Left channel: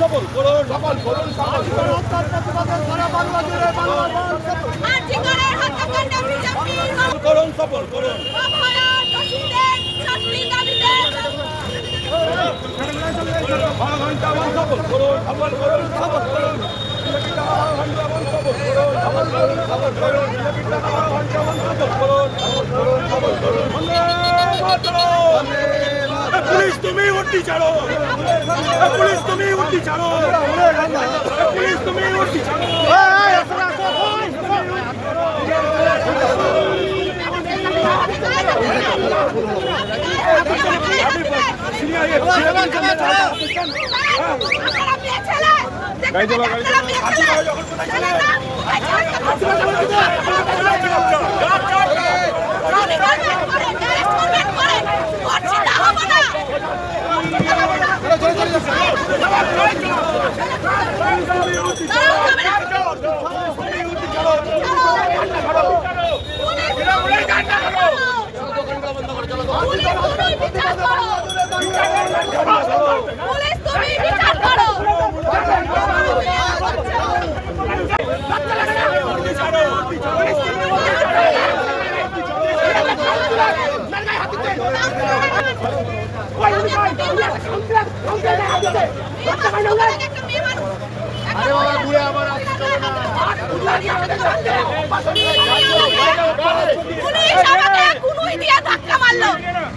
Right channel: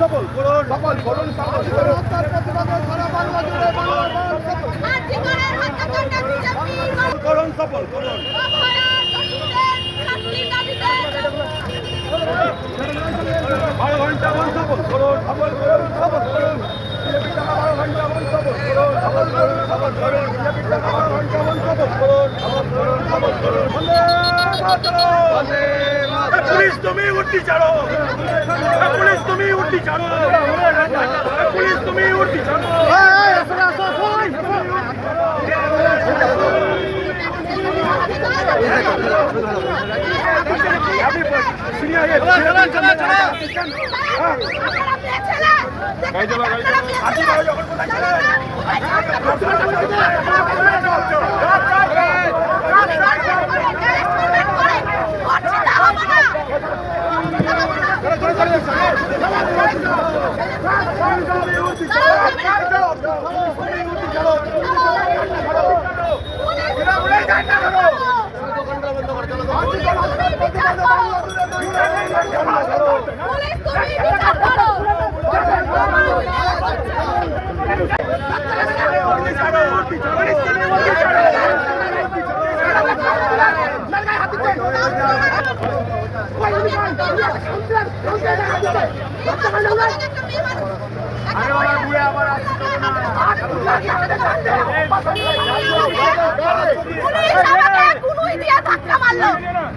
সফল করুন হত্যার প্রতিবাদে সারা বাংলা জুড়ে বাংলার করুন সফল করুন पुलिस तुम्हें उल्टी चढ़ो पुलिस तुम्हें उल्टी चढ़ो पुलिस तुम्हें उल्टी चढ़ो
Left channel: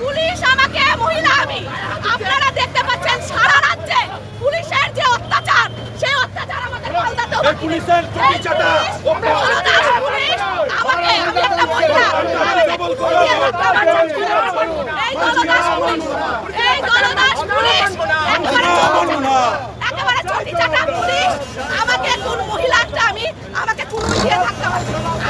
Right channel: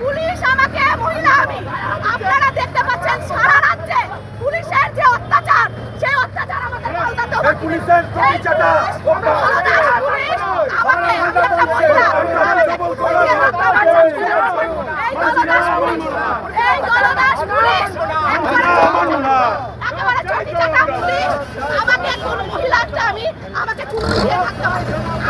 পুলিশ আমাকে মহিলা আমি আপনারা দেখতে পাচ্ছেন সারা রাজ্যে পুলিশের যে অত্যাচার সেই অত্যাচার আমাদের পাল্টাতে হবে পুলিশের প্রতিচাটা পুলিশ আমাকে আমি একটা মহিলা এই দলদাস পুলিশ একেবারে চটি চাটা পুলিশ আমাকে কোন মহিলা একটা আমি আমাকে কোন দিয়ে ধাক্কা মারছে